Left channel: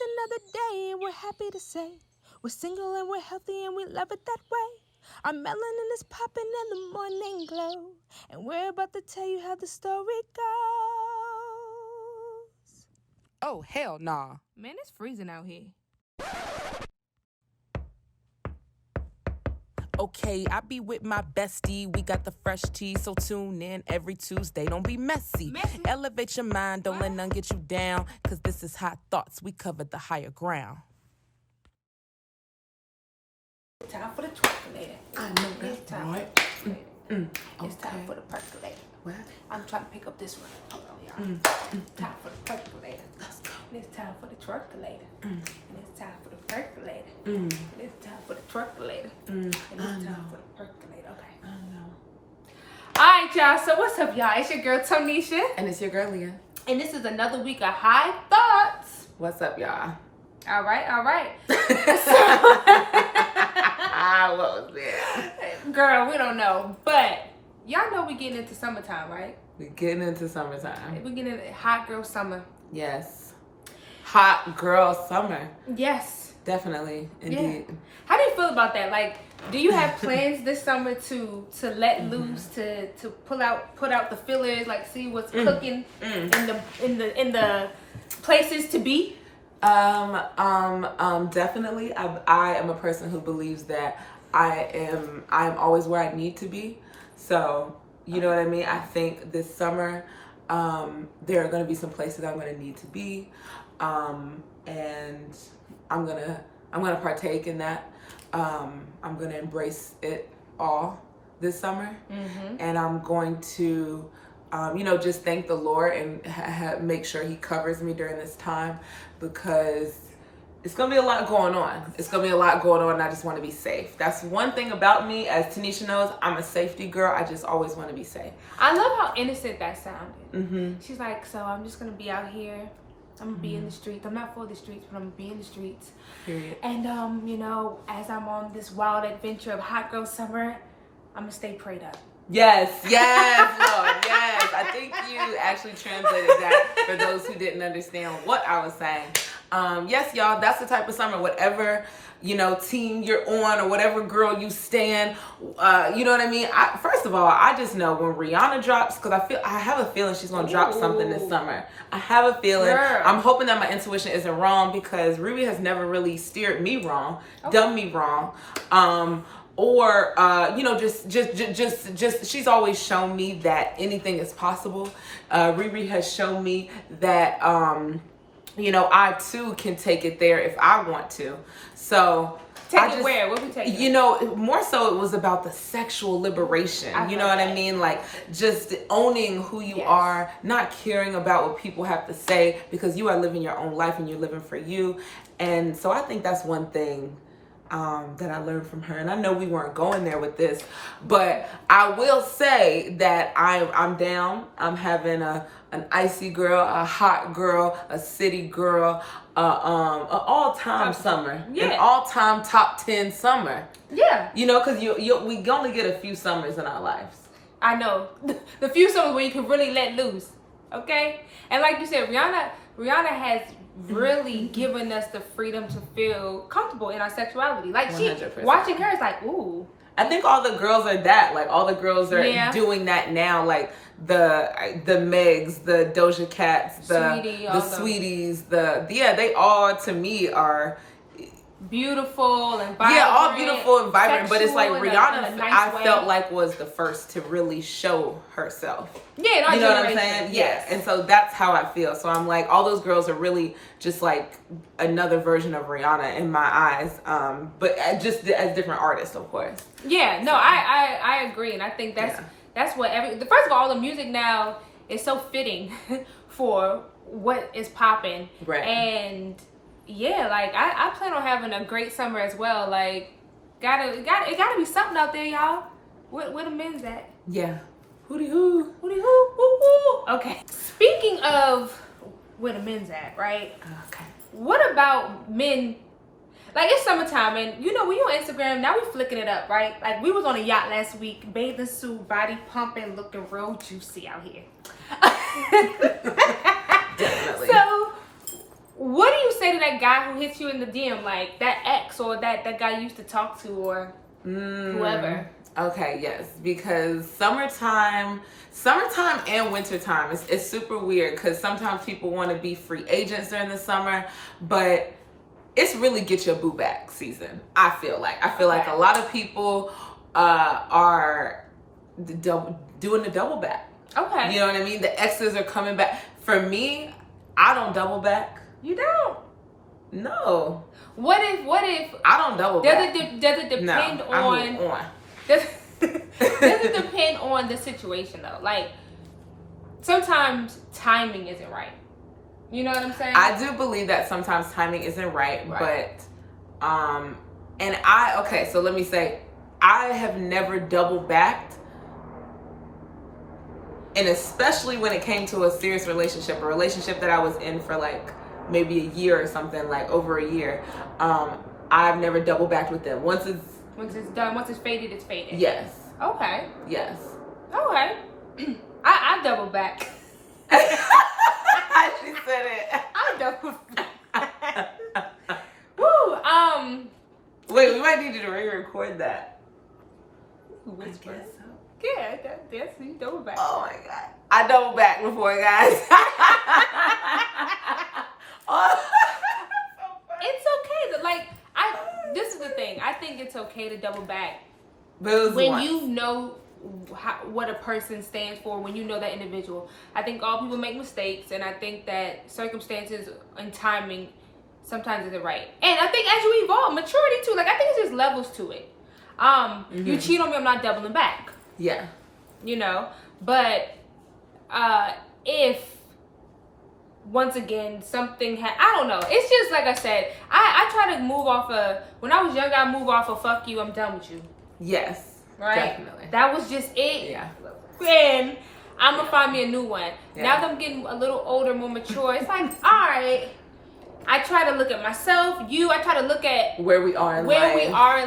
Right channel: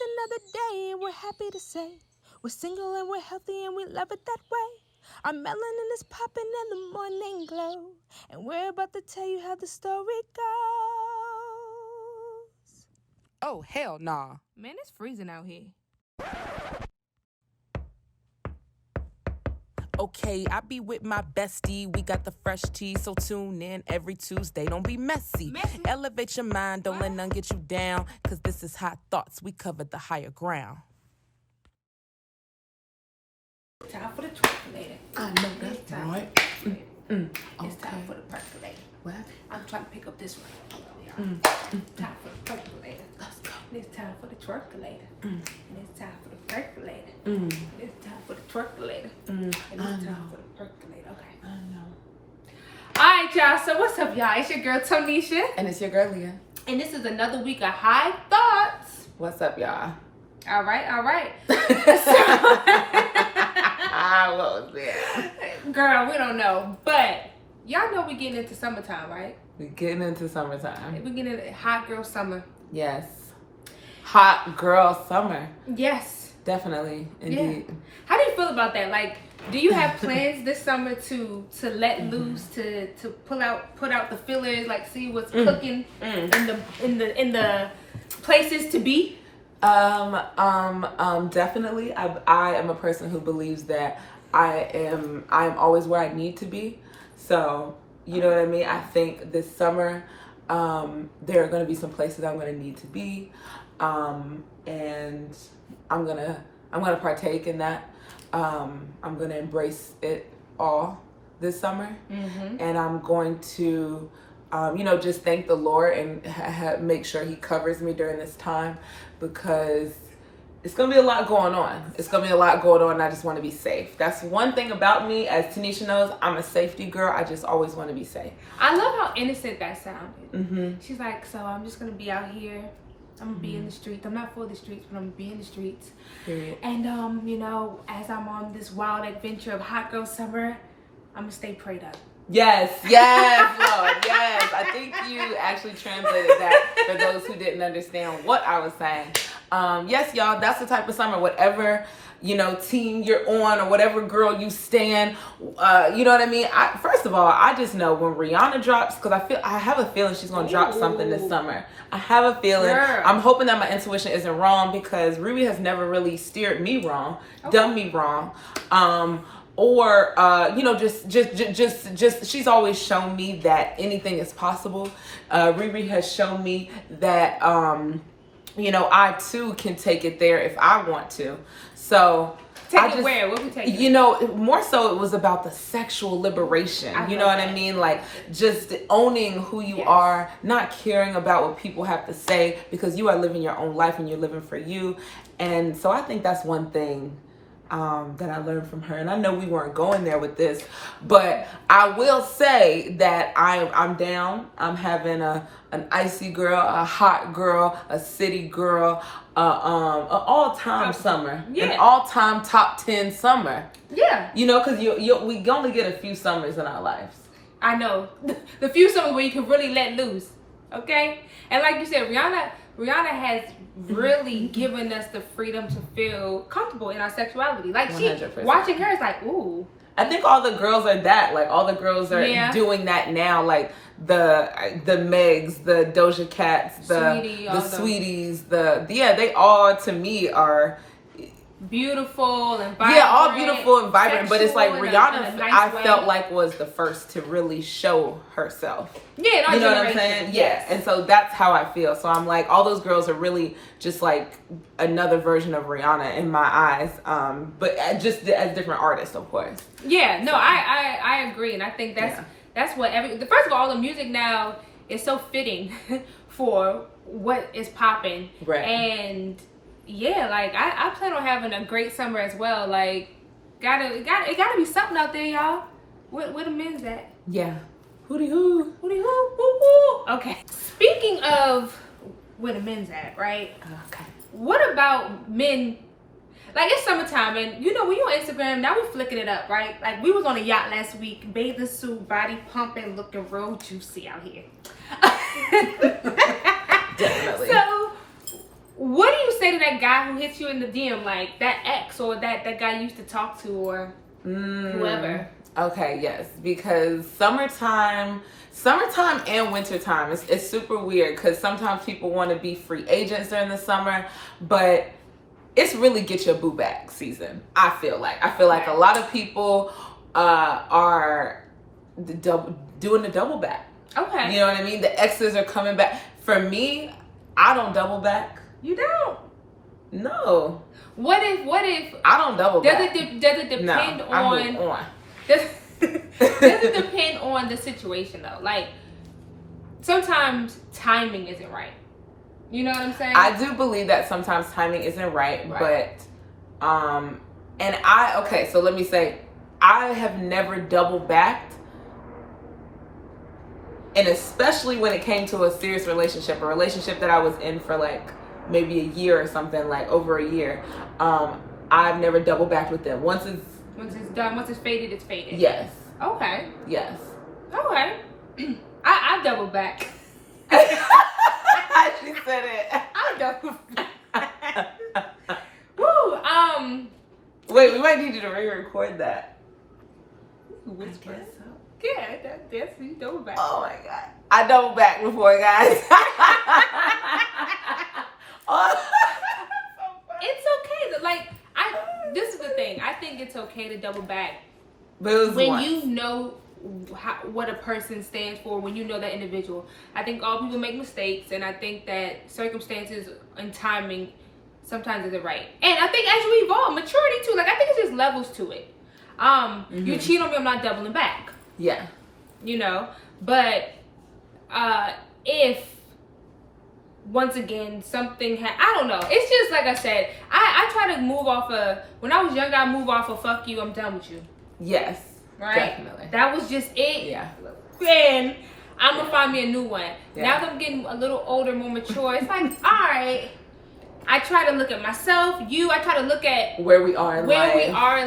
It's another day and we're happy to say we're single and we're healthy and we love it that way. Our melanin is popping in the morning glow, and we're about to tell you how the story goes. Oh, hell nah. Man, it's freezing out here. Okay, I be with my bestie. We got the fresh tea, so tune in every Tuesday. Don't be messy. Elevate your mind, don't let none get you down, cause this is Hot Thoughts. We covered the higher ground. Time for the percolator. I know that's right. It's time for the percolator. What? I'm trying to pick up this one. Hold on, y'all. Time for the percolator. Let's go. It's time for the twerculator. And it's time for the percolator. And it's time for the percolator. And it's time for the percolator. Okay. I know. Alright, y'all. So what's up, y'all? It's your girl Tonysha. And it's your girl Leah. And this is another week of High Thoughts. What's up, y'all? Alright. What was that? Girl, we don't know. But y'all know we getting into summertime, right? We getting into summertime. We getting into hot girl summer. Yes. Hot girl summer. Yes. Definitely. Indeed. Yeah. How do you feel about that? Like, do you have plans this summer to let loose, to put out the fillers, like see what's cooking in the places to be? Definitely. I am a person who believes that I am always where I need to be. So, you know what I mean? I think this summer, there are going to be some places I'm going to need to be. And I'm going to partake in that. I'm going to embrace it all this summer. And I'm going to, just thank the Lord and make sure he covers me during this time, because it's going to be a lot going on. And I just want to be safe. That's one thing about me. As Tanisha knows, I'm a safety girl. I just always want to be safe. I love how innocent that sounded. She's like, so I'm just going to be out here. I'm going to be in the streets. I'm not for the streets, but I'm going to be in the streets. Period. And, as I'm on this wild adventure of hot girl summer, I'm going to stay prayed up. Yes, Lord, yes. I think you actually translated that for those who didn't understand what I was saying. Yes, y'all, that's the type of summer, whatever, team you're on or whatever girl you stand, you know what I mean? First of all, I just know when Rihanna drops, because I have a feeling she's going to drop something this summer. I have a feeling. Girl. I'm hoping that my intuition isn't wrong, because Riri has never really steered me wrong, done me wrong. Or just she's always shown me that anything is possible. Riri has shown me that I too can take it there if I want to. So where? What we take? More so it was about the sexual liberation. You know what I mean? Like just owning who you are, not caring about what people have to say, because you are living your own life and you're living for you. And so I think that's one thing that I learned from her. And I know we weren't going there with this, but I will say that I'm down. I'm having an icy girl, a hot girl, a city girl, an all-time summer, an all-time top 10 summer. Yeah. Because we only get a few summers in our lives. I know. The few summers where you can really let loose. Okay? And like you said, Rihanna has really given us the freedom to feel comfortable in our sexuality. Like 100%. Watching her is like, ooh. I think all the girls are that. Like all the girls are doing that now. Like the Megs, the Doja Cats, the Sweeties, they all to me are beautiful and vibrant. Yeah, all beautiful and vibrant. But it's like Rihanna, I felt like was the first to really show herself. Yeah, you know what I'm saying? Yes. Yeah, and so that's how I feel. So I'm like, all those girls are really just like another version of Rihanna in my eyes. But just as different artists, of course. Yeah, no, I agree, and I think that's what first of all, the music now is so fitting for what is popping. Right. And yeah, like I plan on having a great summer as well. Like, it gotta be something out there, y'all. Where the men's at? Yeah. Hootie hoo. Hootie hoo. Hoo hoo. Okay. Speaking of where the men's at, right? Okay. What about men? Like, it's summertime, and when you're on Instagram, now we flicking it up, right? Like, we was on a yacht last week, bathing suit, body pumping, looking real juicy out here. Definitely. So, what do you say say to that guy who hits you in the DM, like that ex or that guy you used to talk to or whoever? Okay, yes, because summertime and wintertime it's super weird because sometimes people want to be free agents during the summer, but it's really get your boo back season. I feel like a lot of people are doing the double back. Okay. You know what I mean? The exes are coming back. For me, I don't double back. You don't? No. What if I don't double back? Does it depend on? I move on. Does it depend on the situation though? Like sometimes timing isn't right. You know what I'm saying? I do believe that sometimes timing isn't right. But so let me say, I have never double backed. And especially when it came to a serious relationship, a relationship that I was in for like maybe a year or something, like over a year, I've never double backed with them. Once it's done, once it's faded, it's faded. Yes. Okay. Yes. Okay. I double back. She said it. I double back. Woo. Wait, we might need you to re-record that. I guess so. Yeah, that's you double back. Oh my god, I double back before, guys. It's okay. Like this is the thing. I think it's okay to double back when you know what a person stands for. When you know that individual, I think all people make mistakes, and I think that circumstances and timing sometimes isn't right. And I think as you evolve, maturity too. Like I think it's just levels to it. You cheat on me, I'm not doubling back. Yeah. You know, but if once again something I don't know, it's just like I said, I try to move off when I was younger, I move off of fuck you, I'm done with you. Yes. Right? Definitely. That was just it. Yeah. And I'm gonna find me a new one. Yeah. Now that I'm getting a little older, more mature, it's like, all right, I try to look at myself, I try to look at where we are in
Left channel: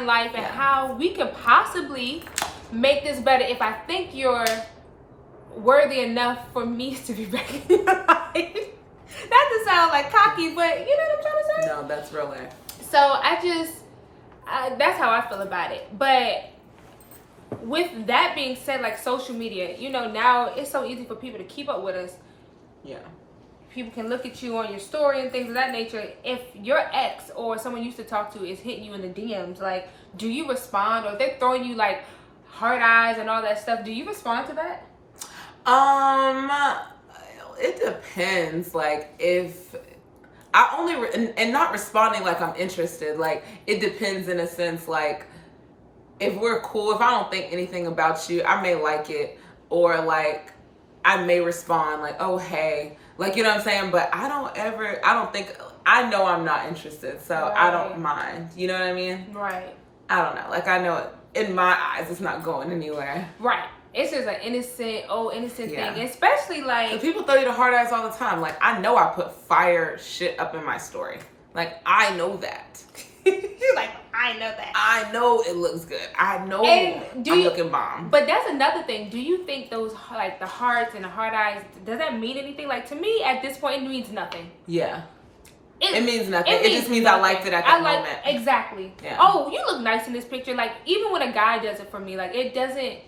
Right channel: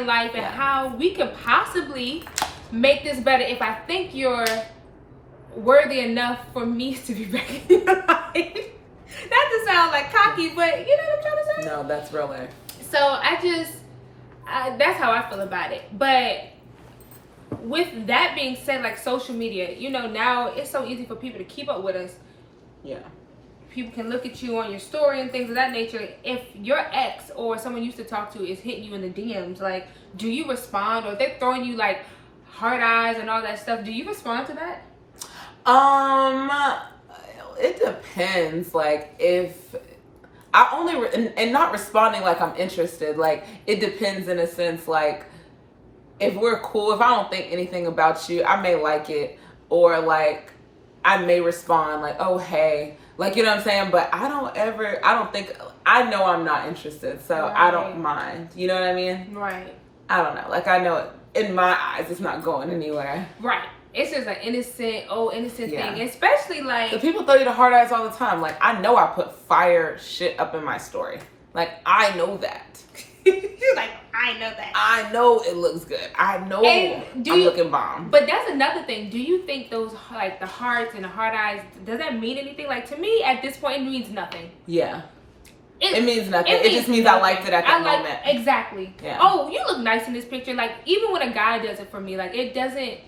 life and how we could possibly make this better if I think you're worthy enough for me to be back in your life. Not to sound like cocky, but you know what I'm trying to say? No, that's real life. So that's how I feel about it. But with that being said, like social media, you know, now it's so easy for people to keep up with us. Yeah. People can look at you on your story and things of that nature. If your ex or someone you used to talk to is hitting you in the DMs, like, do you respond? Or if they're throwing you like heart eyes and all that stuff, do you respond to that? It depends. Like if I only and not responding like I'm interested. Like it depends in a sense. Like if we're cool, if I don't think anything about you, I may like it, or like I may respond like, oh hey, like you know what I'm saying. But I don't think I know I'm not interested, so right. I don't mind. You know what I mean? Right. I don't know. Like I know it. In my eyes, it's not going anywhere. Right. It's just an innocent thing. Especially like... So people throw you the hard eyes all the time. Like, I know I put fire shit up in my story. Like, I know that. You're like, I know that. I know it looks good. I know I'm looking bomb. But that's another thing. Do you think those, like, the hearts and the hard eyes, does that mean anything? Like, to me, at this point, it means nothing. Yeah. It means nothing. It just means nothing. I liked it at that moment. Exactly. Yeah. Oh, you look nice in this picture. Like, even when a guy does it for me, like, it doesn't...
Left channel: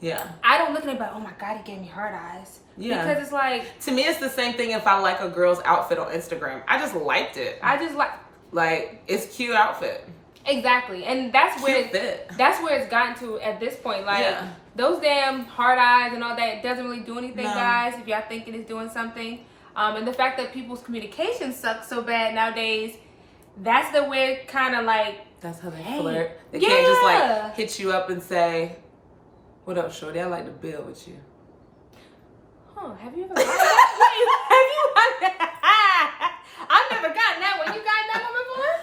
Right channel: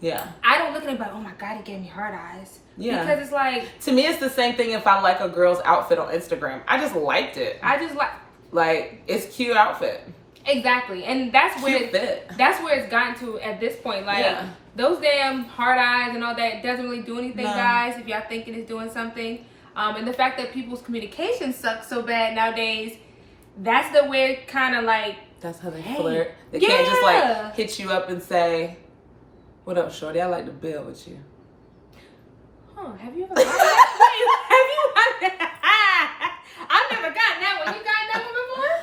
Yeah. I don't look at it like, oh my God, he gave me hard eyes. Yeah. Because it's like... To me, it's the same thing if I like a girl's outfit on Instagram. I just liked it. Like, it's cute outfit. Exactly. And that's where it's gotten to at this point. Like, those damn hard eyes and all that doesn't really do anything, guys, if y'all thinking it's doing something. And the fact that people's communication sucks so bad nowadays, that's the way kind of like... That's how they flirt. They can't just like hit you up and say, what up, shorty? I like to build with you. Oh, have you ever gotten that? I've never gotten that one. You gotten that one before?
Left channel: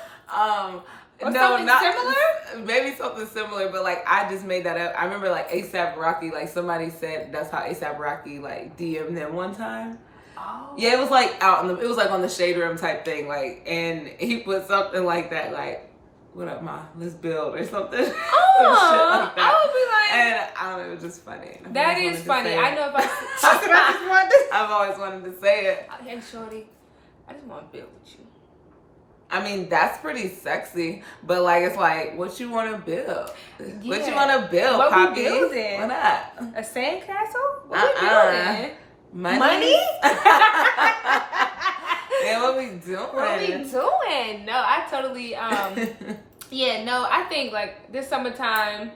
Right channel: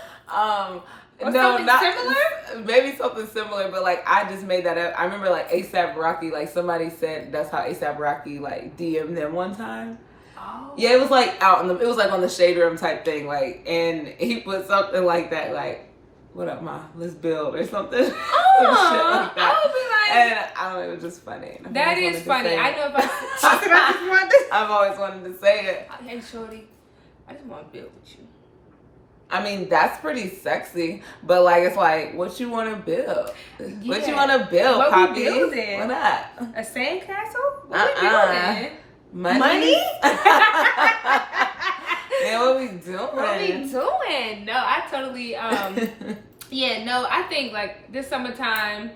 Or no, not similar. Maybe something similar, but like I just made that up. I remember like ASAP Rocky, like somebody said that's how ASAP Rocky like DM'd them one time. Oh. Yeah, it was like it was like on the shade room type thing, like, and he put something like that, like, what up, ma? Let's build or something. Oh, some shit like that. I would be like, and I don't know, it was just funny. That is funny. I know if I've always wanted to say it. Hey, shorty, I just want to build with you. I mean, that's pretty sexy, but like, it's like, what you want to build? Yeah. What you want to build, what Poppy? We building? What up? A sandcastle? What we building? Money? Yeah, what we doing? What we doing? No, I totally, yeah, no, I think like this summertime,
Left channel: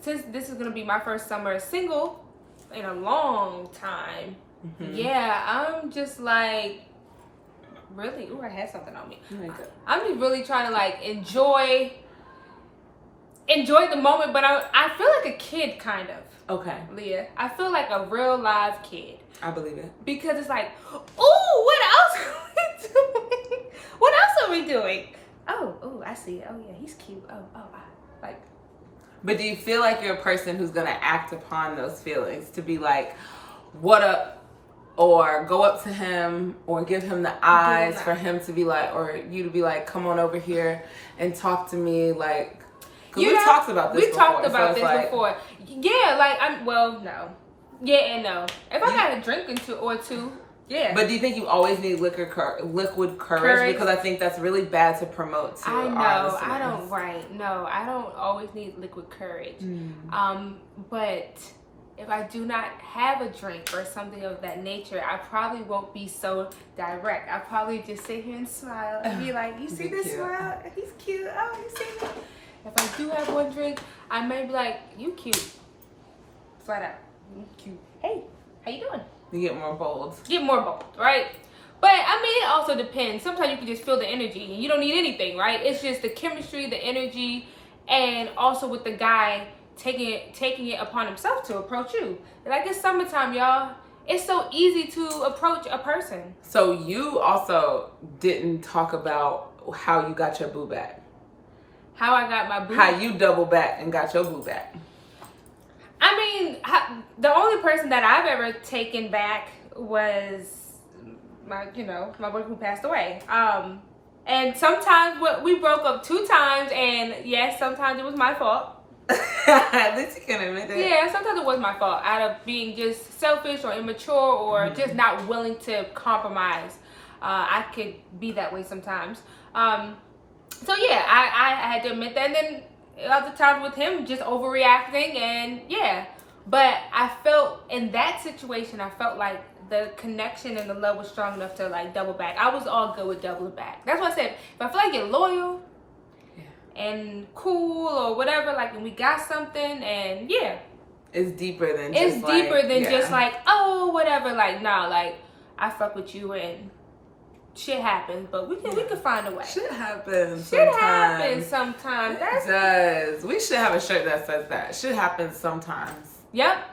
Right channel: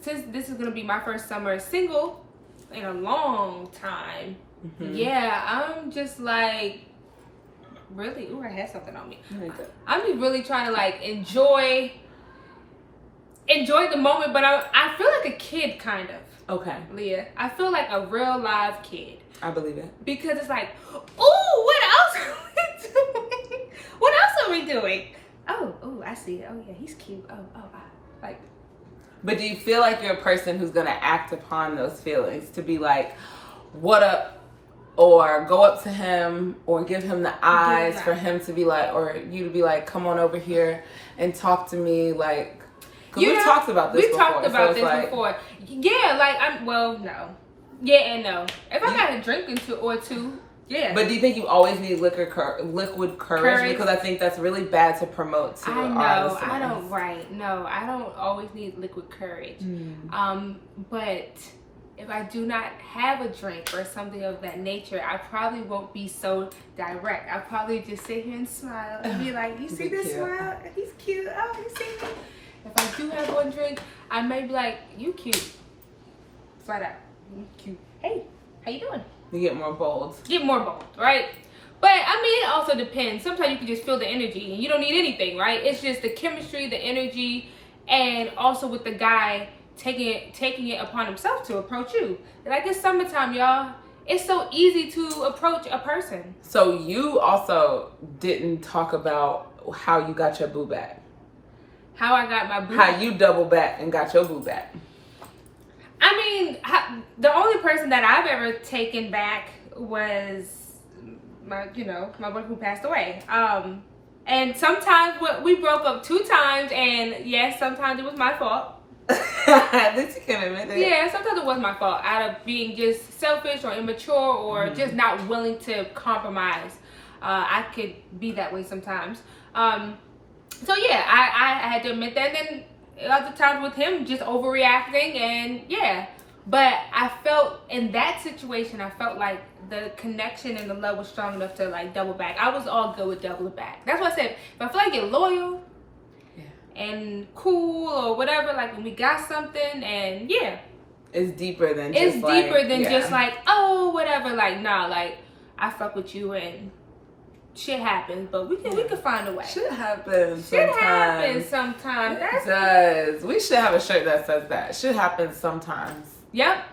since this is going to be my first summer single in a long time, yeah, I'm just like, really, I had something on me. I'm just really trying to like enjoy the moment, but I feel like a kid kind of. Okay. Leah, I feel like a real live kid. I believe it. Because it's like, ooh, what else are we doing? What else are we doing? Oh, I see it. Oh yeah, he's cute. Like. But do you feel like you're a person who's gonna act upon those feelings to be like, what up? Or go up to him or give him the eyes for him to be like, or you to be like, come on over here and talk to me, like, because we've talked about this before. We talked about this before. Yeah, like, no. Yeah and no. If I got a drink or two, yeah. But do you think you always need liquid courage? Because I think that's really bad to promote to our listeners. I don't always need liquid courage. But if I do not have a drink or something of that nature, I probably won't be so direct. I'll probably just sit here and smile and be like, you see this smile? He's cute. Oh, you see me? If I do have one drink, I may be like, you cute. Flat out. You cute. Hey, how you doing? You get more bold. Right? But, I mean, it also depends. Sometimes you can just feel the energy and you don't need anything, right? It's just the chemistry, the energy, and also with the guy taking it upon himself to approach you. Like, it's summertime, y'all. It's so easy to approach a person. So you also didn't talk about how you got your boo back. How I got my boo back. How you double back and got your boo back. I mean, the only person that I've ever taken back was my boyfriend who passed away. And sometimes we broke up 2 times, and yes, sometimes it was my fault. At least you can admit it. Yeah, sometimes it was my fault out of being just selfish or immature or just not willing to compromise. I could be that way sometimes. So yeah, I had to admit that. And then other times with him just overreacting, and yeah. But I felt in that situation, I felt like the connection and the love was strong enough to like double back. I was all good with doubling back. That's why I said, if I feel like you're loyal and cool or whatever, like, and we got something, and yeah, it's deeper than just like, oh, whatever. Like, nah, like, I fuck with you and shit happens, but we can find a way. Shit happens sometimes. It does. We should have a shirt that says that. Shit happens sometimes. Yep.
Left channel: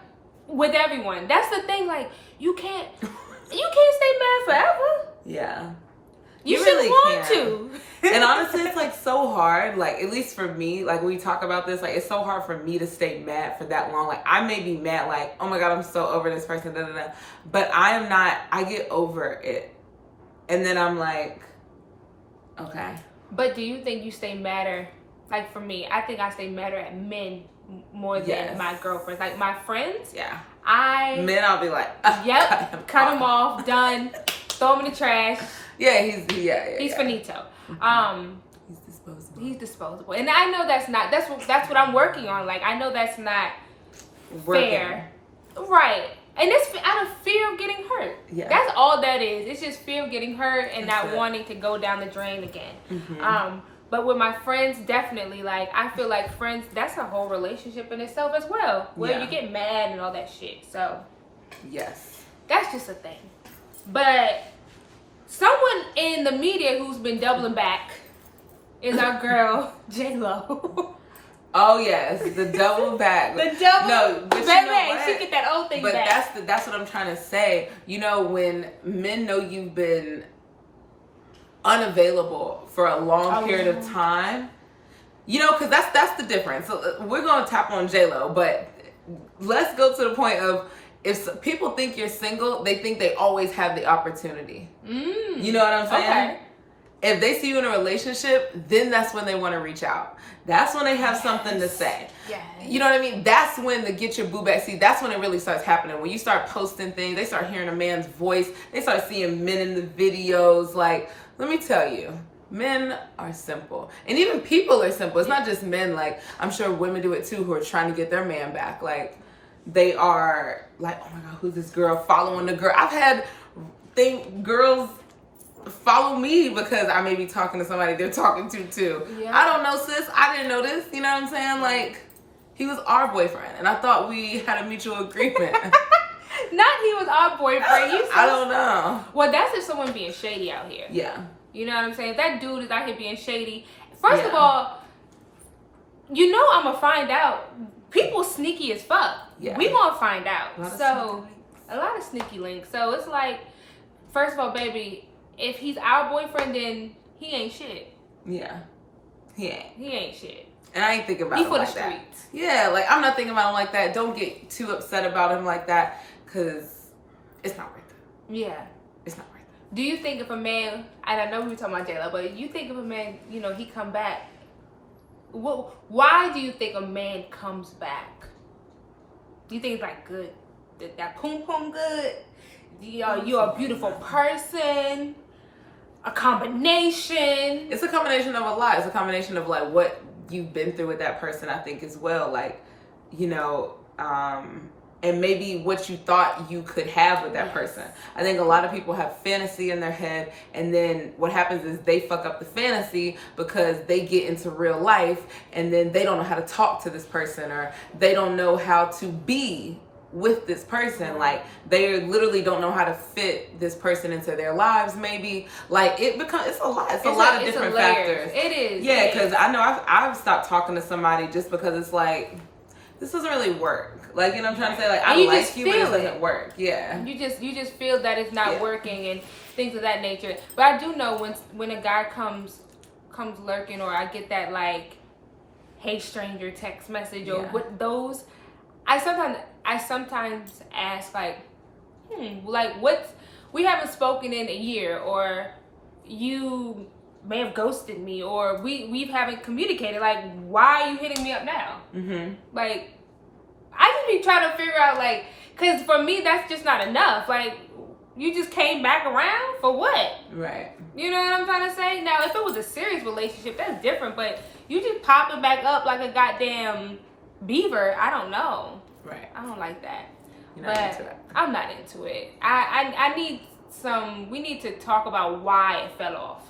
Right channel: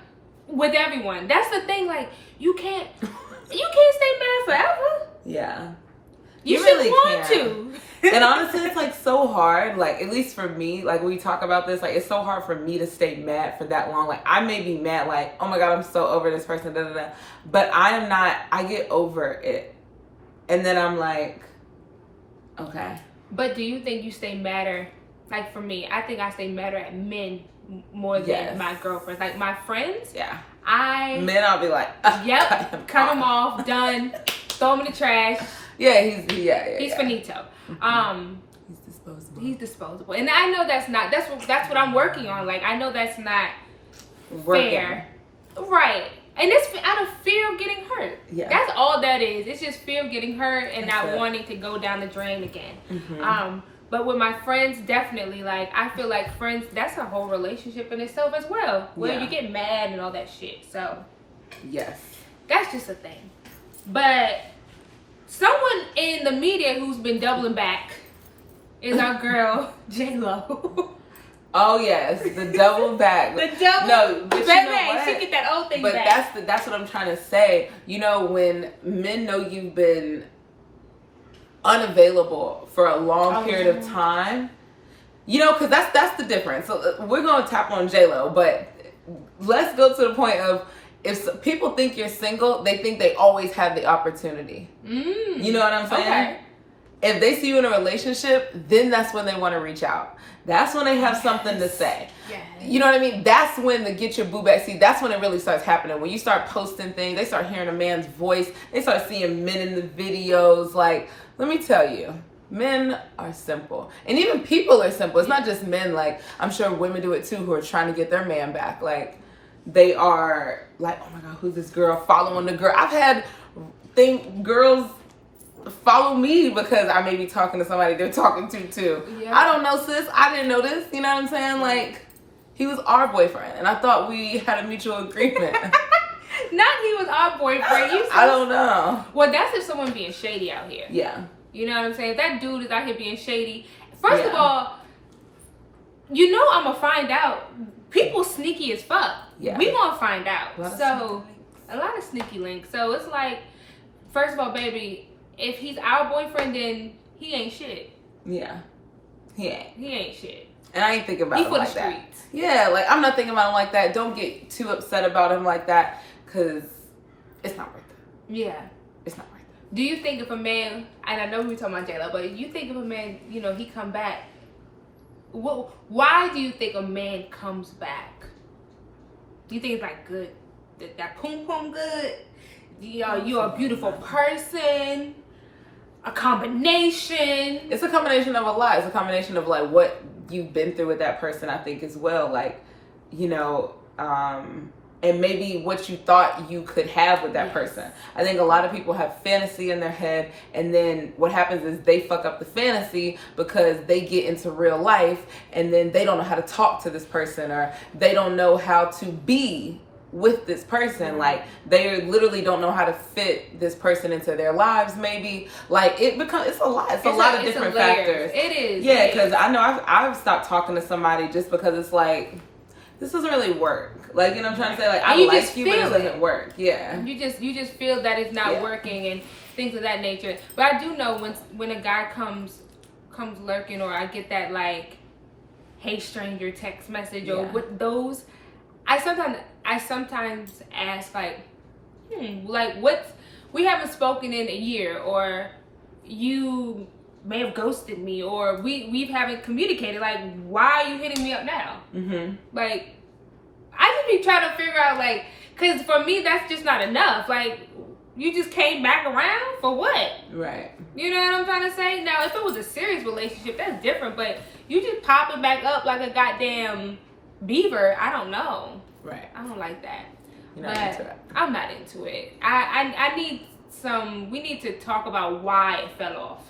With everyone. That's the thing. Like, you can't stay mad forever. Yeah. You really want to. And honestly, it's like so hard. Like, at least for me, like we talk about this, like it's so hard for me to stay mad for that long. Like, I may be mad, like, oh my God, I'm so over this person, but I am not. I get over it, and then I'm like, okay. But do you think you stay madder? Like, for me, I think I stay madder at men more than my girlfriends. Like, my friends. Yeah. Men, I'll be like, yep, cut him off, done, throw him in the trash. Yeah, he's finito. He's disposable. And I know that's what I'm working on. Like, I know that's not fair. Right. And it's out of fear of getting hurt. Yeah. That's all that is. It's just fear of getting hurt and not wanting to go down the drain again. Mm-hmm. But with my friends, definitely, like, I feel like friends, that's a whole relationship in itself as well. Where you get mad and all that shit. So, yes. That's just a thing. But someone in the media who's been doubling back is our girl, J-Lo. Oh, yes. The double back. No, but you know what? She get that old thing back. But that's what I'm trying to say. You know, when men know you've been unavailable for a long period of time, you know, because that's the difference. So we're going to tap on J-Lo, but let's go to the point of, if people think you're single, they think they always have the opportunity. You know what I'm saying? Okay. if they see you in a relationship, then that's when they want to reach out. That's when they have something to say. Yes. You know what I mean? That's when the get your boo back. See, that's when it really starts happening. When you start posting things, they start hearing a man's voice. They start seeing men in the videos. Like, let me tell you, men are simple. And even people are simple. It's not just men. Like, I'm sure women do it too, who are trying to get their man back. Like, they are like, oh my God, who's this girl following the girl? I've had girls follow me because I may be talking to somebody they're talking to too. Yeah. I don't know, sis. I didn't know this. You know what I'm saying? Like, he was our boyfriend, and I thought we had a mutual agreement. Not he was our boyfriend. I don't know. Well, that's just someone being shady out here. Yeah. You know what I'm saying? If that dude is out here being shady, first of all, you know I'm gonna find out. People sneaky as fuck. Yeah. We gonna find out. A lot of sneaky links. So it's like, first of all, baby, if he's our boyfriend, then he ain't shit. Yeah. He ain't shit. And I ain't thinking about him like that. Yeah, like, I'm not thinking about him like that. Don't get too upset about him like that, because it's not worth it. Yeah. It's not worth it. Do you think if a man, and I know we were talking about J-Lo, but you think if a man, you know, he come back, why do you think a man comes back? You think it's like good? That poom poom good? You're a beautiful person? A combination? It's a combination of a lot. It's a combination of like what you've been through with that person, I think, as well. Like, you know, and maybe what you thought you could have with that person. I think a lot of people have fantasy in their head, and then what happens is they fuck up the fantasy because they get into real life, and then they don't know how to talk to this person, or they don't know how to be with this person. Like, they literally don't know how to fit this person into their lives. Maybe like it's a lot. It's a lot of different factors. It is. Yeah, because I know I've stopped talking to somebody just because it's like, this doesn't really work. Like, you know what I'm trying to say? Like, I like you, but it doesn't work. Yeah. You just feel that it's not working and things of that nature. But I do know when a guy comes lurking, or I get that like, hey stranger text message, or with those, I sometimes ask like, like, we haven't spoken in a year, or you may have ghosted me, or we haven't communicated. Like, why are you hitting me up now? Mm-hmm. Like, I just be trying to figure out, like, because for me that's just not enough. Like, you just came back around for what? Right. You know what I'm trying to say? Now, if it was a serious relationship, that's different. But you just popping back up like a goddamn beaver. I don't know. Right. I don't like that. You're not into it. I'm not into it. I need we need to talk about why it fell off.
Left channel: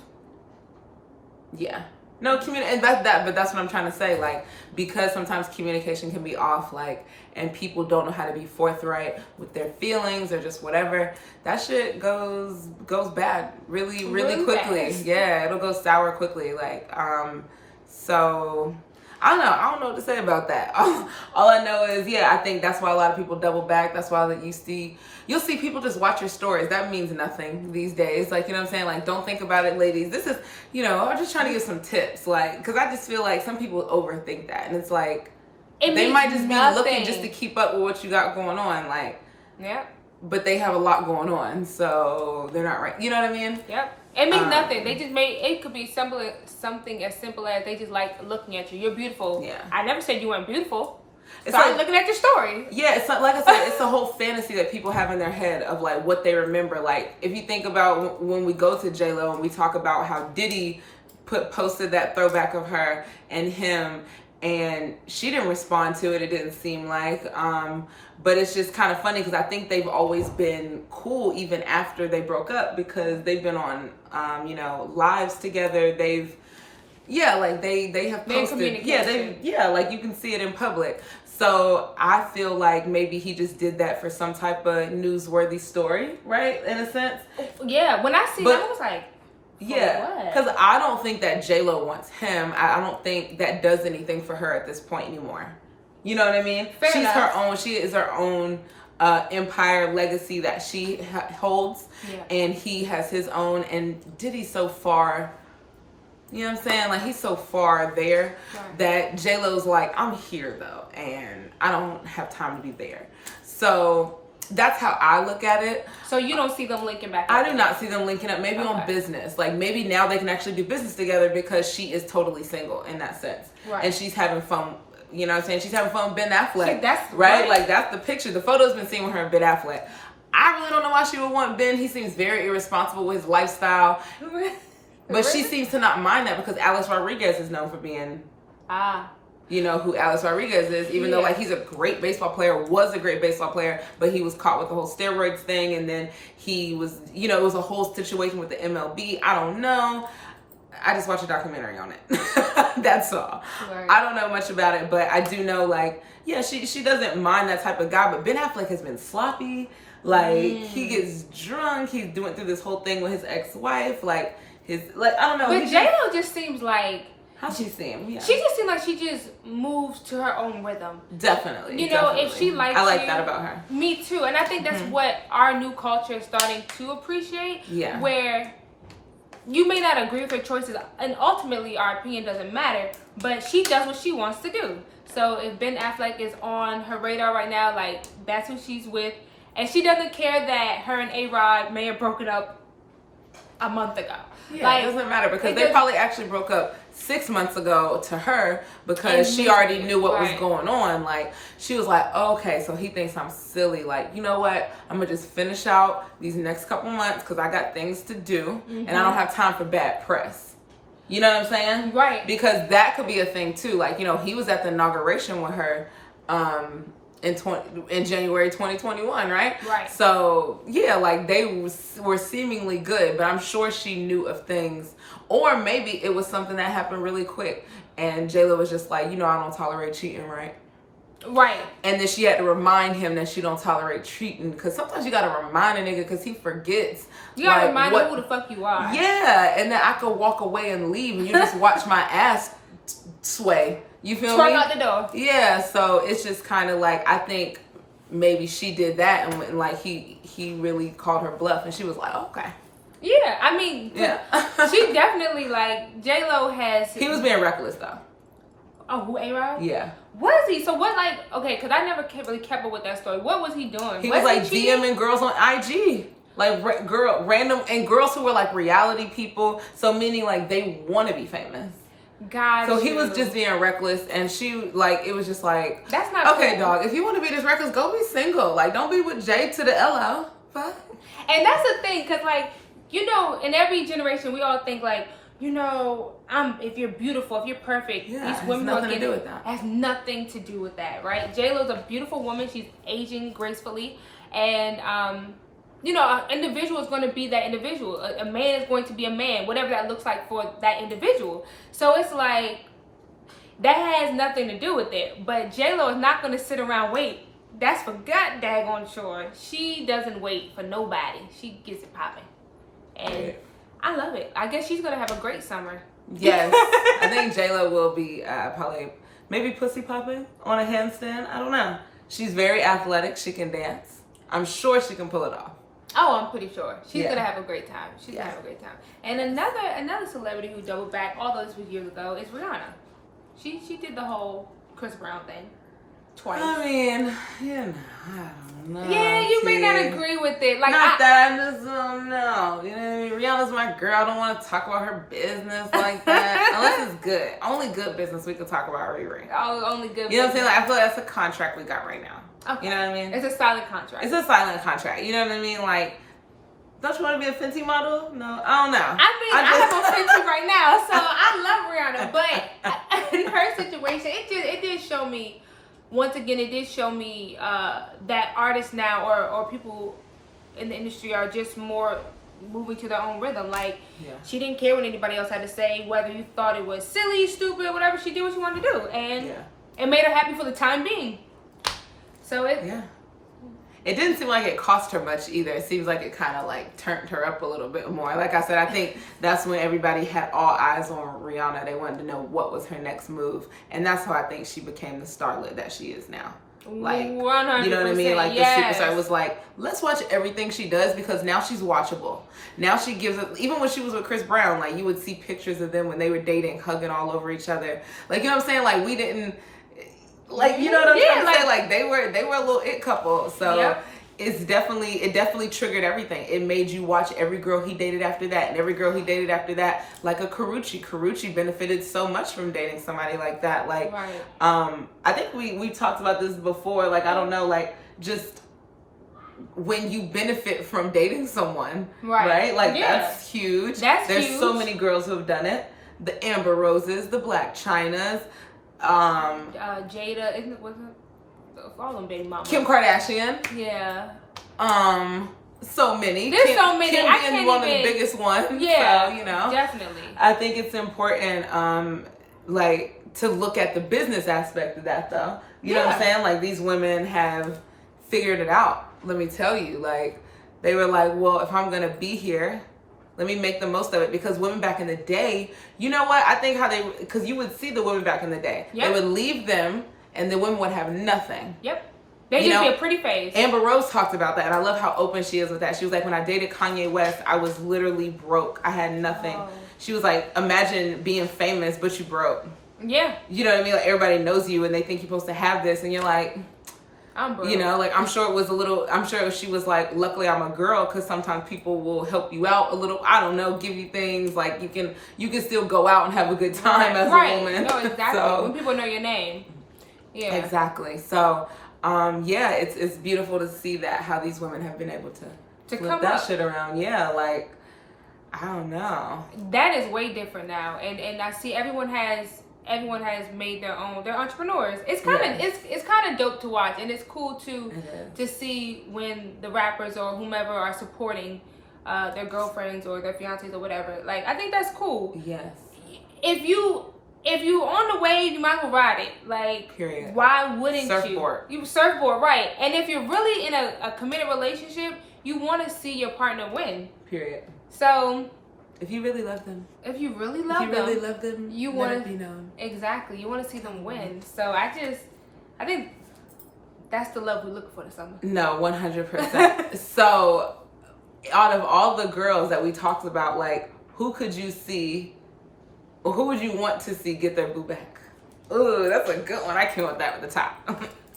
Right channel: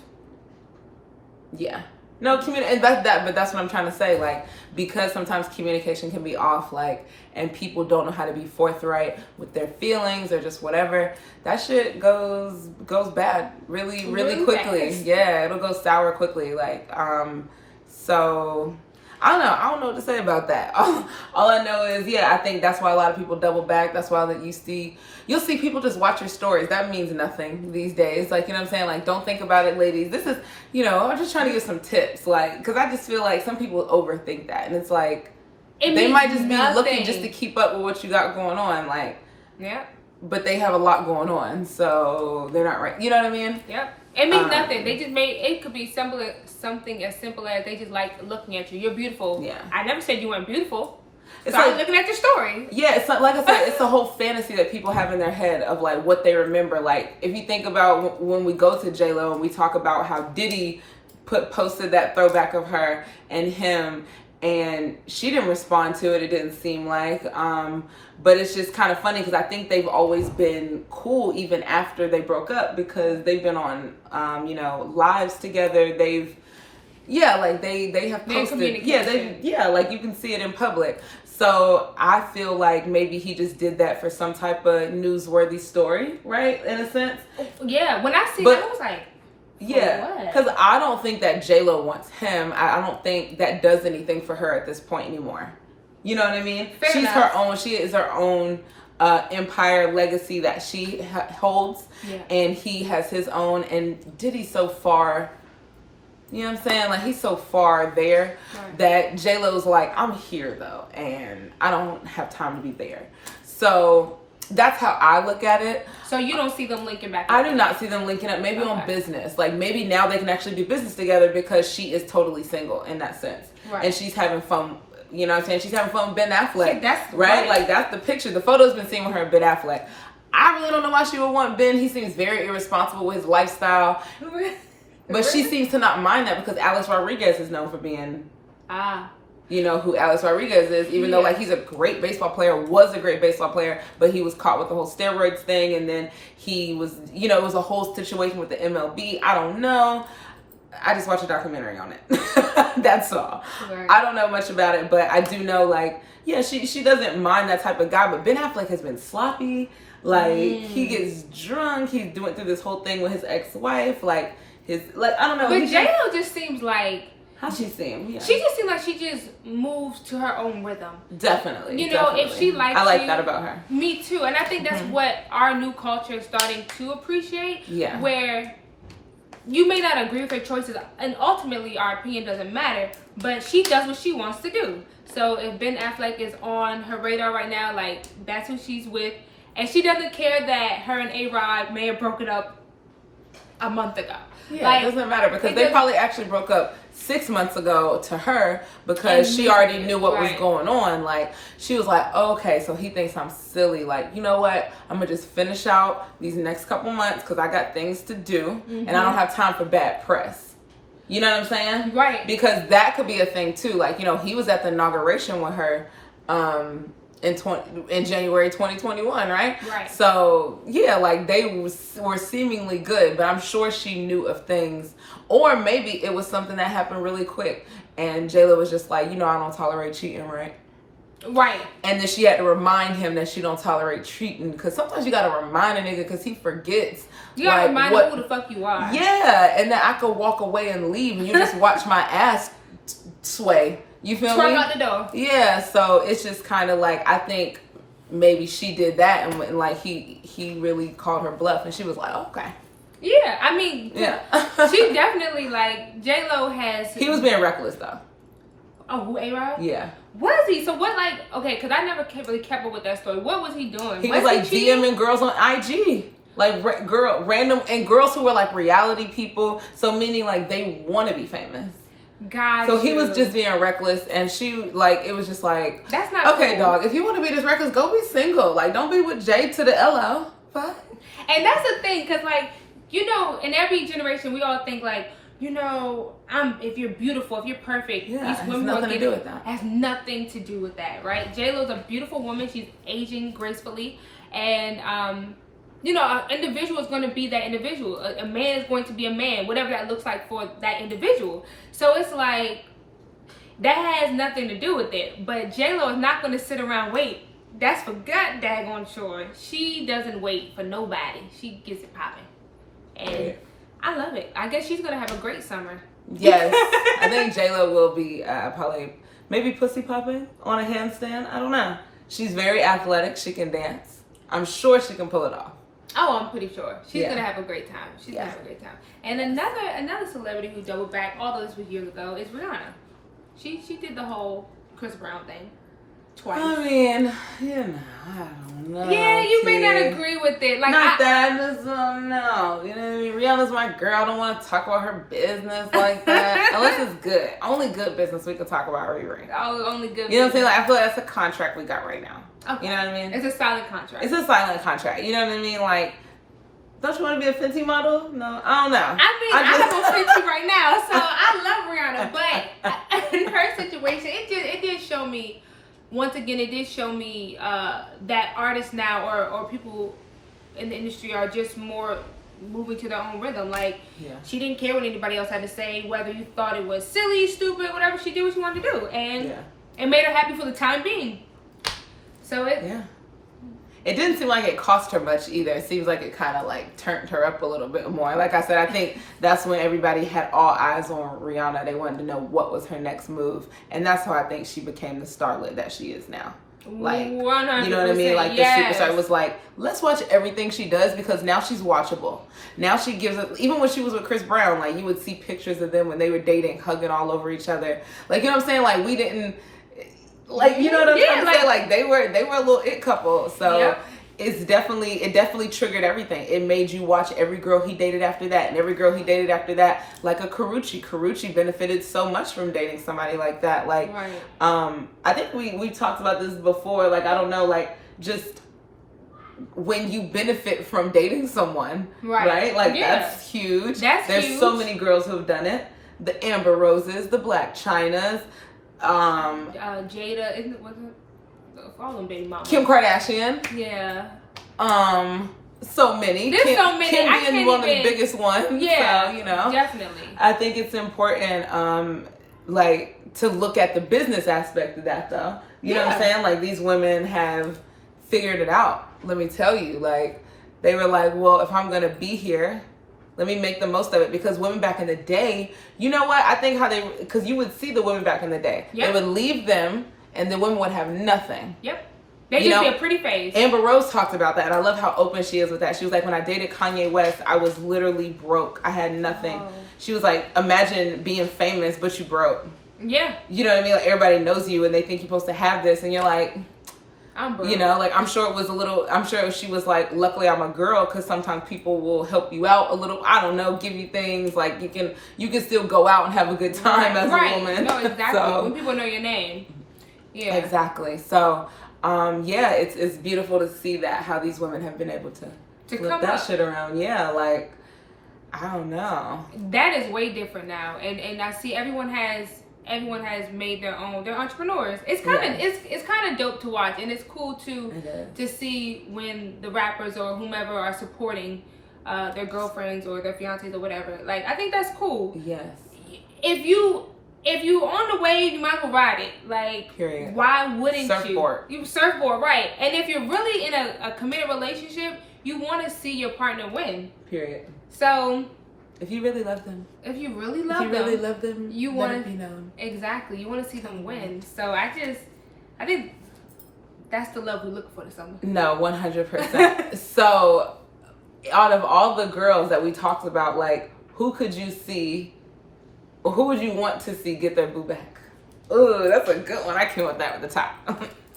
Yeah. No, and but that's what I'm trying to say. Like, because sometimes communication can be off, like, and people don't know how to be forthright with their feelings or just whatever. That shit goes bad really quickly. Fast. Yeah, it'll go sour quickly. Like, so I don't know what to say about that. All I know is, I think that's why a lot of people double back. That's why you'll see people just watch your stories. That means nothing these days. Like, you know what I'm saying? Like, don't think about it, ladies. This is, I'm just trying to give some tips. Like, because I just feel like some people overthink that. And it's like, they might just be looking just to keep up with what you got going on. Like, but they have a lot going on. So they're not right. You know what I mean? Yep. It means nothing. They just it could be something as simple as they just like looking at you. You're beautiful. Yeah. I never said you weren't beautiful. It's like looking at your story. Yeah, it's like I said, it's a whole fantasy that people have in their head of like what they remember. Like, if you think about when we go to J-Lo and we talk about how Diddy posted that throwback of her and him, and she didn't respond to it. It didn't seem like, but it's just kind of funny because I think they've always been cool even after they broke up, because they've been on, lives together. They've, like they have posted, like you can see it in public. So I feel like maybe he just did that for some type of newsworthy story, right? In a sense. Yeah. When I see that, I was like, yeah, because I don't think that J-Lo wants him. I don't think that does anything for her at this point anymore. You know what I mean? She's her own. She is her own empire, legacy that she holds, and he has his own. And Diddy's so far. You know what I'm saying? Like, he's so far there that J-Lo's like, I'm here though, and I don't have time to be there. So That's how I look at it. So you don't see them linking back up? I do not see them linking up. Maybe on business. Like, maybe now they can actually do business together because she is totally single in that sense. Right. And she's having fun. You know what I'm saying? She's having fun with Ben Affleck. That's right? Like, that's the picture. The photo's been seen with her and Ben Affleck. I really don't know why she would want Ben. He seems very irresponsible with his lifestyle. But she seems to not mind that because Alex Rodriguez is known for being... You know who Alex Rodriguez is, even though like he's a great baseball player, was a great baseball player, but he was caught with the whole steroids thing, and then he was, you know, it was a whole situation with the MLB. I don't know. I just watched a documentary on it. That's all. Right. I don't know much about it, but I do know, like, yeah, she doesn't mind that type of guy, but Ben Affleck has been sloppy. Like, he gets drunk. He's doing through this whole thing with his ex-wife. Like, I don't know. But J-Lo just seems like... How she seem? Yeah. She just seemed like she just moves to her own rhythm. Definitely. You know, if she likes I like that about her. Me too. And I think that's what our new culture is starting to appreciate. Yeah. Where you may not agree with her choices, and ultimately our opinion doesn't matter, but she does what she wants to do. So if Ben Affleck is on her radar right now, like, that's who she's with. And she doesn't care that her and A-Rod may have broken up a month ago. Yeah, like, it doesn't matter because they probably actually broke up 6 months ago to her because she already knew what was going on. Like, she was like, okay, so he thinks I'm silly. Like, you know what? I'm going to just finish out these next couple months because I got things to do and I don't have time for bad press. You know what I'm saying? Right. Because that could be a thing too. Like, you know, he was at the inauguration with her in January 2021, right? Right. So yeah, like they were seemingly good, but I'm sure she knew of things, or maybe it was something that happened really quick, and J-Lo was just like, you know, I don't tolerate cheating, right? Right. And then she had to remind him that she don't tolerate cheating, because sometimes you gotta remind a nigga because he forgets. You gotta remind him who the fuck you are. Yeah, and then I could walk away and leave, and you just watch my ass sway. You feel me? Out the door. Yeah, so it's just kind of like, I think maybe she did that, and like he really called her bluff, and she was like, oh, okay. Yeah, I mean, yeah, she definitely, like, J-Lo has... He was being reckless though. Oh, who, A-Rod? Yeah. What is he? So what, like, okay, because I never really kept up with that story. What was he doing? He was like DMing girls on IG. Like random, and girls who were like reality people. So meaning like they want to be famous. So he was just being reckless, and she, like, it was just like, that's not okay, cool. dog, if you want to be this reckless, go be single. Like, don't be with Jay to the LO. Fuck. And that's the thing, because, like, you know, in every generation, we all think, like, you know, if you're beautiful, if you're perfect, yeah, these women nothing to do with that. Has nothing to do with that, right? J-Lo's a beautiful woman. She's aging gracefully, and, you know, an individual is going to be that individual. A man is going to be a man, whatever that looks like for that individual. So it's like, that has nothing to do with it. But J-Lo is not going to sit around wait. That's for god daggone sure. She doesn't wait for nobody. She gets it popping. And I love it. I guess she's going to have a great summer. Yes. I think J-Lo will be probably, maybe pussy popping on a handstand. I don't know. She's very athletic. She can dance. I'm sure she can pull it off. Oh, I'm pretty sure. She's going to have a great time. She's going to have a great time. And another celebrity who doubled back, although this was years ago, is Rihanna. She did the whole Chris Brown thing twice. I mean, you know, I don't know. Yeah, you may not agree with it. Like, not that, I just don't know. You know what I mean? Rihanna's my girl. I don't want to talk about her business like that. Unless it's good. Only good business we can talk about, Riri. Oh, only good business. You know what I'm saying? Like, I feel like that's a contract we got right now. Okay. You know what I mean? It's a silent contract. It's a silent contract. You know what I mean? Like, don't you want to be a Fenty model? No, I don't know. I have a Fenty right now, so I love Rihanna. But in her situation, it did show me, once again, it did show me that artists now or people in the industry are just more moving to their own rhythm. Like, she didn't care what anybody else had to say, whether you thought it was silly, stupid, whatever. She did what she wanted to do, and it made her happy for the time being. So it didn't seem like it cost her much either. It seems like it kind of like turned her up a little bit more. Like I said, I think that's when everybody had all eyes on Rihanna. They wanted to know what was her next move, and that's how I think she became the starlet that she is now. Like, 100%, you know what I mean? Like, the superstar was like, let's watch everything she does, because now she's watchable. Now she gives it, even when she was with Chris Brown, like, you would see pictures of them when they were dating, hugging all over each other. Like, you know what I'm saying? Like, we didn't, like, you know what I'm trying to say? Like, they were a little it couple. So it definitely triggered everything. It made you watch every girl he dated after that, and every girl he dated after that, like a Karuchi benefited so much from dating somebody like that. Like, right. I think we talked about this before. Like, I don't know, like, just when you benefit from dating someone, right? Like, that's huge. There's huge. So many girls who have done it. The Amber Roses, the Black Chynas, Jada, wasn't all them baby mamas. Kim Kardashian. Yeah. So many. There's so many. Kim being one of the biggest ones. Yeah. So, you know. Definitely. I think it's important, like, to look at the business aspect of that, though. You know what I'm saying? Like, these women have figured it out. Let me tell you, like, they were like, well, if I'm going to be here, let me make the most of it. Because women back in the day, you know what? I think because you would see the women back in the day. Yep. They would leave them and the women would have nothing. Yep. They just be a pretty face. Amber Rose talked about that, and I love how open she is with that. She was like, when I dated Kanye West, I was literally broke. I had nothing. Oh. She was like, imagine being famous, but you broke. Yeah. You know what I mean? Like, everybody knows you, and they think you're supposed to have this, and you're like, I'm broke. You know, like, I'm sure she was like, luckily I'm a girl, because sometimes people will help you out a little. I don't know, give you things like you can still go out and have a good time as a woman. No, exactly. So, when people know your name. Yeah. Exactly. So, yeah, it's beautiful to see that, how these women have been able to flip that shit around. Yeah, like, I don't know. That is way different now, and I see everyone has made their own. They're entrepreneurs. It's kind of dope to watch, and it's cool to see when the rappers or whomever are supporting their girlfriends or their fiancés or whatever. Like, I think that's cool. Yes. If you on the wave, you might as well ride it. Like, period. Why wouldn't surfboard. You surfboard, right? And if you're really in a committed relationship, you want to see your partner win. Period. So, if you really love them, you want to be known. Exactly. You want to see them win. So I think that's the love we look for this summer. No, 100%. So, out of all the girls that we talked about, like, who could you see? Or who would you want to see get their boo back? Ooh, that's a good one. I came with that at the top.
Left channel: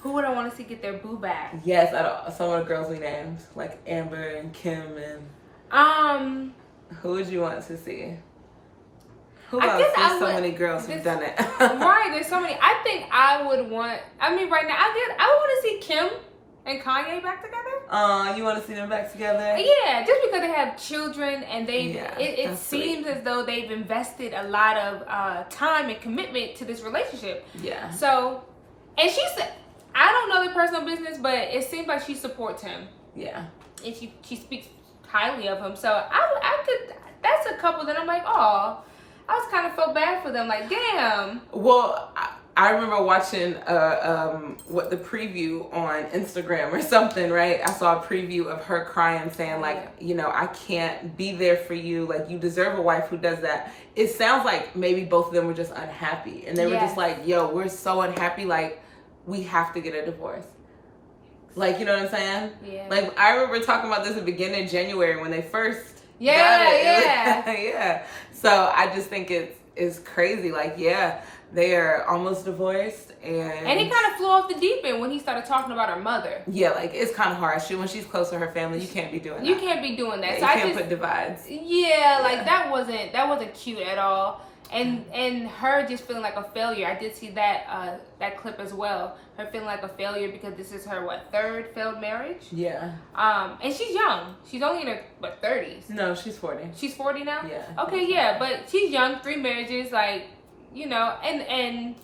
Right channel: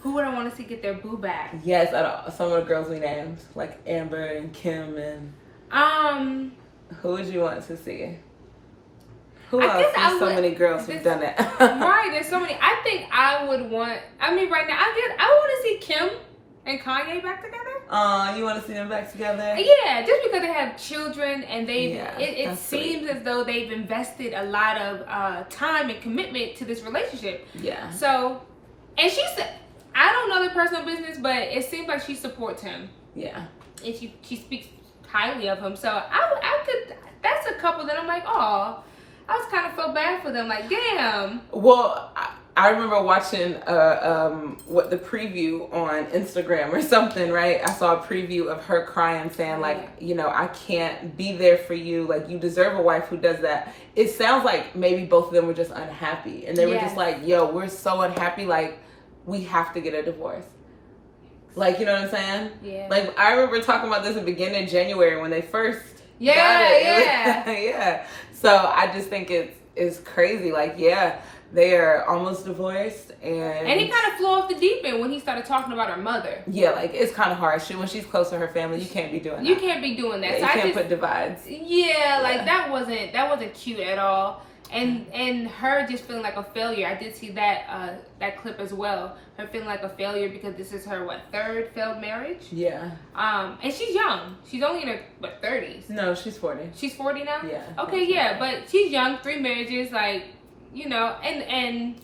Who would I want to see get their boo back? Yes, some of the girls we named, like Amber and Kim and. Who would you want to see? Who else? There's so many girls who've done it. Right, there's so many. I think I would want. I mean, right now, I want to see Kim and Kanye back together. You want to see them back together? Yeah, just because they have children and it seems as though they've invested a lot of time and commitment to this relationship. Yeah. So, and she said, I don't know their personal business, but it seems like she supports him. Yeah. And she speaks highly of him. So I could. That's a couple that I'm like, oh, I was kind of felt bad for them. Like, damn. Well, I remember watching the preview on Instagram or something, right? I saw a preview of her crying, saying like, you know, I can't be there for you. Like, you deserve a wife who does that. It sounds like maybe both of them were just unhappy, and they were just like, yo, we're so unhappy. Like, we have to get a divorce. Like, you know what I'm saying? Yeah. Like, I remember talking about this at the beginning of January when they first got it. Yeah. So I just think it's crazy. Like, yeah. They are almost divorced, and he kind of flew off the deep end when he started talking about her mother. Yeah, like, it's kind of hard. When she's close to her family, you can't be doing that. You can't be doing that. Yeah, so you can't put divides. Yeah, like that wasn't cute at all. And her just feeling like a failure. I did see that clip as well. Her feeling like a failure because this is her third failed marriage. Yeah. And she's young. She's only in her 30s. No, she's 40. She's 40 now. Yeah. Okay, yeah, but she's young. 3 marriages, like. You know, and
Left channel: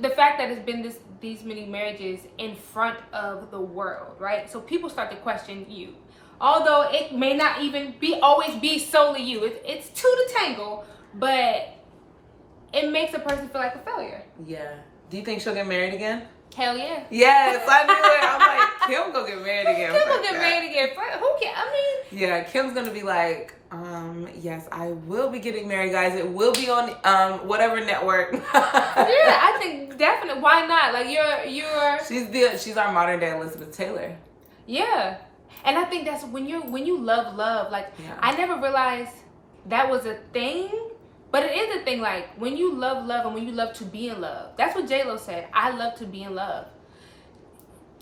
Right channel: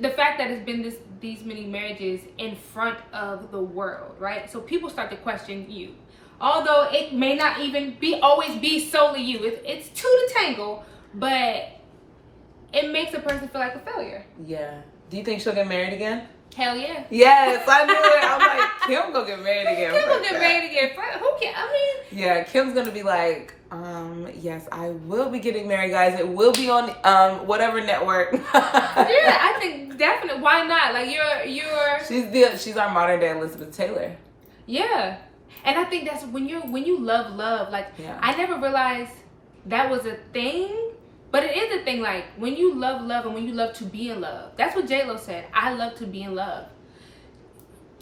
the fact that it's been these many marriages in front of the world, right? So people start to question you. Although it may not even always be solely you. It's two to tangle, but it makes a person feel like a failure. Yeah. Do you think she'll get married again? Hell yeah. Yes, I knew it. I'm like, Kim gonna get married again. Kim gonna get married again. Who can? I mean. Yeah, Kim's gonna be like, yes, I will be getting married, guys. It will be on whatever network. Yeah, I think definitely. Why not? Like you're. She's our modern day Elizabeth Taylor. Yeah, and I think that's when you love. Like, I never realized that was a thing. But it is a thing, like, when you love and when you love to be in love. That's what J-Lo said. I love to be in love.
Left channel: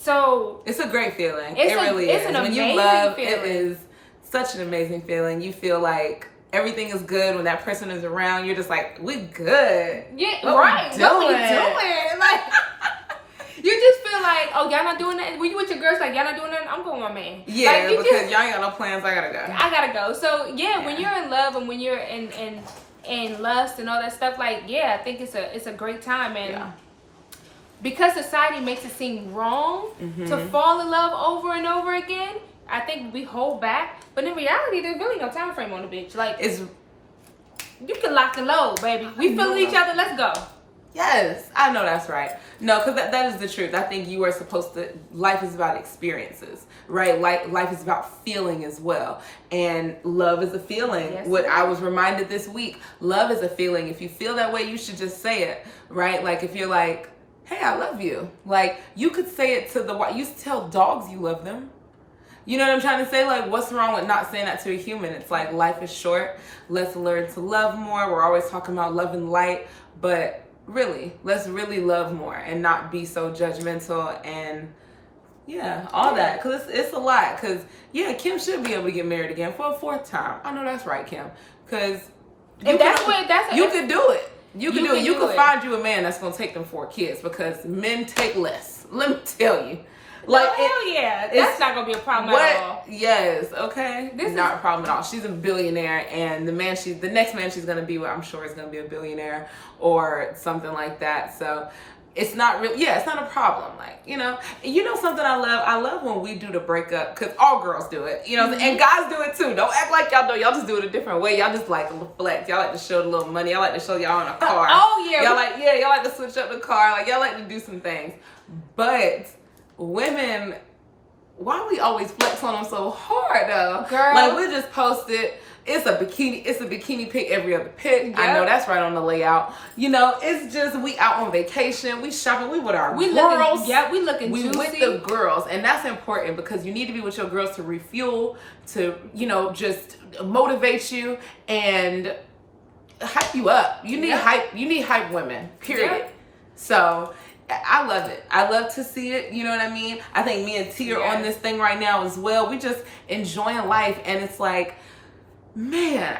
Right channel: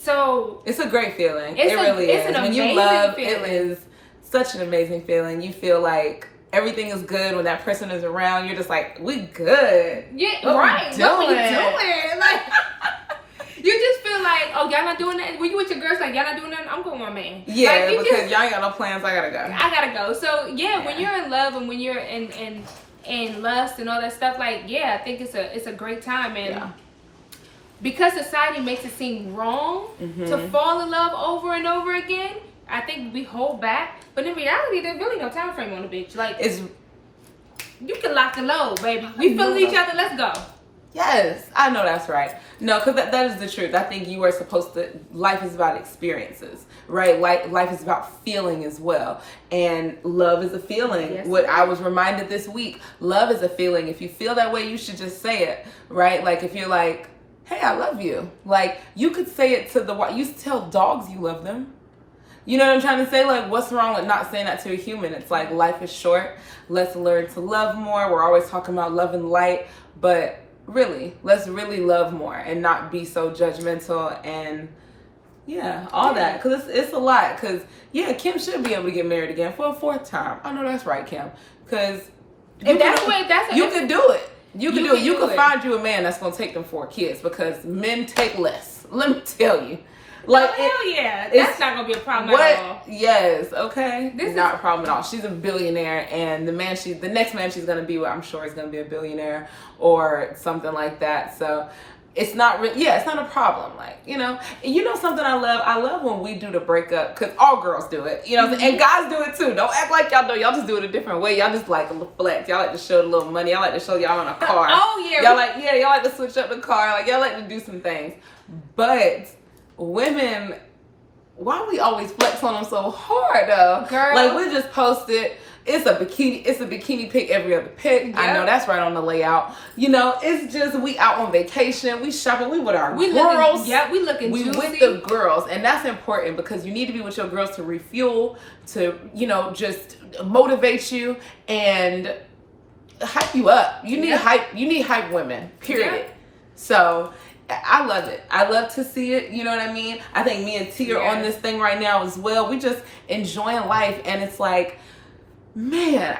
So it's a great feeling. It really is. When you love, it is such an amazing feeling. You feel like everything is good when that person is around. You're just like, we good. Yeah, right. What we doing? Like, you just feel like, oh, y'all not doing that. When you with your girls, like, y'all not doing that. I'm going with my man. Yeah, like, because y'all ain't got no plans. I gotta go. So yeah, when you're in love and when you're in lust and all that stuff, like, yeah, I think it's a great time. And because society makes it seem wrong to fall in love over and over again, I think we hold back. But in reality, there's really no time frame on the bitch. Like, you can lock and load, baby. We feeling each other. Let's go. Yes, I know that's right. No, because that is the truth. I think you are supposed to, life is about experiences, right? Life is about feeling as well. And love is a feeling. Yes, what I was reminded this week, love is a feeling. If you feel that way, you should just say it, right? Like, if you're like, hey, I love you. Like, you could say it to you tell dogs you love them. You know what I'm trying to say? Like, what's wrong with not saying that to a human? It's like, life is short. Let's learn to love more. We're always talking about love and light, but really, let's really love more and not be so judgmental and all that. Because it's a lot. Because, Kim should be able to get married again for a fourth time. I know that's right, Kim. Because you could do it. You can do it. You can find you a man that's going to take them 4 kids because men take less. Let me tell you. Like, that's not gonna be a problem at all. Yes, okay. Not a problem at all. She's a billionaire, and the next man she's gonna be with, I'm sure, is gonna be a billionaire or something like that. So it's not really, it's not a problem. Like, you know something I love? I love when we do the breakup, because all girls do it, and guys do it too. Don't act like y'all don't. Y'all just do it a different way. Y'all just like flex. Y'all like to show the little money. Y'all like to show y'all in a car. Y'all like to switch up the car. Like, y'all like to do some things. But women, why we always flex on them so hard though? Girl. Like, we just posted, it's a bikini pic every other pic. Yep. I know that's right on the layout. It's just, we out on vacation, we shopping, we with our girls. We looking we juicy. With the girls, and that's important because you need to be with your girls to refuel, to just motivate you and hype you up. You need hype. You need hype women. Period. Yep. So I love it. I love to see it. You know what I mean? I think me and T are on this thing right now as well. We just enjoying life, and it's like, man,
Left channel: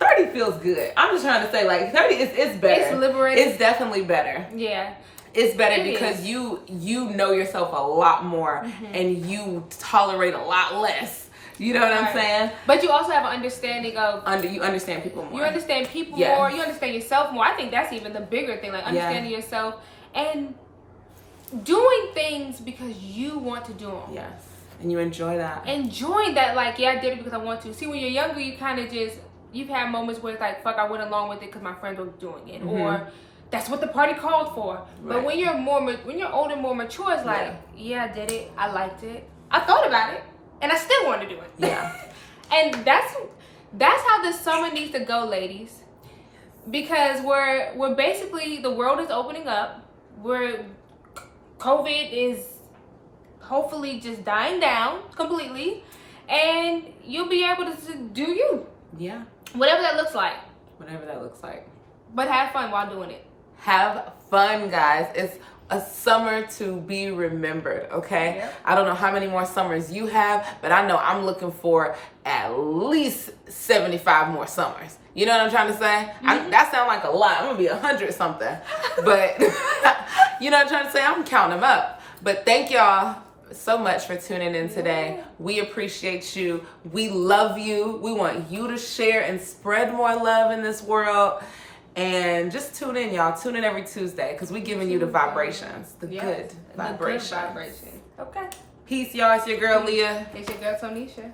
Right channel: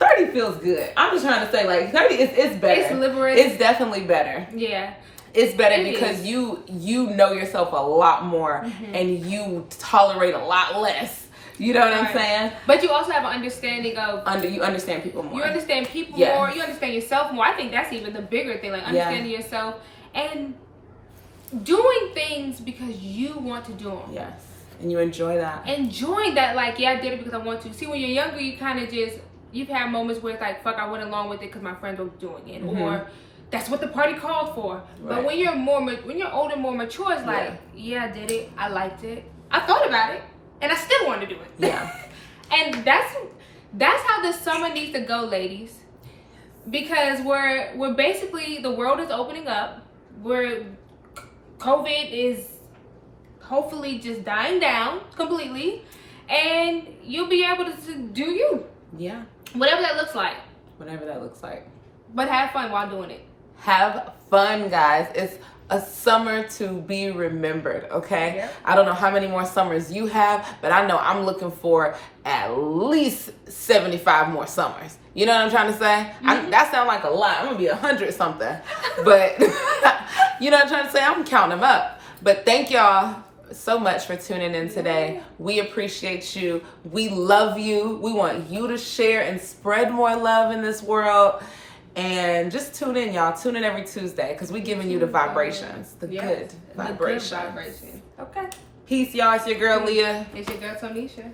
30 feels good. I'm just trying to say, like, 30 it's better. It's liberating. It's definitely better. Yeah. It's better because you know yourself a lot more and you tolerate a lot less. You know what I'm saying? But you also have an understanding of... You understand people more. You understand people more. You understand yourself more. I think that's even the bigger thing. Like, understanding yourself and doing things because you want to do them. Yes. And you enjoy that. Enjoying that, like, I did it because I want to. See, when you're younger, you kind of just... You've had moments where it's like, fuck, I went along with it because my friends were doing it. Or... That's what the party called for. Right. But when you're older, more mature, it's like, I did it. I liked it. I thought about it, and I still want to do it. Yeah. And that's how this summer needs to go, ladies. Because we're basically, the world is opening up. COVID is hopefully just dying down completely, and you'll be able to do you. Yeah. Whatever that looks like. Whatever that looks like. But have fun while doing it. Have fun, guys. It's a summer to be remembered, okay? Yep. I don't know how many more summers you have, but I know I'm looking for at least 75 more summers. You know what I'm trying to say? That sounds like a lot. I'm going to be 100 something. But, you know what I'm trying to say? I'm counting them up. But thank y'all so much for tuning in today. We appreciate you. We love you. We want you to share and spread more love in this world. And just tune in, y'all. Tune in every Tuesday because we're giving you the vibrations, the good vibrations. Okay. Peace, y'all. It's your girl, Leah. It's your girl, Tonysha.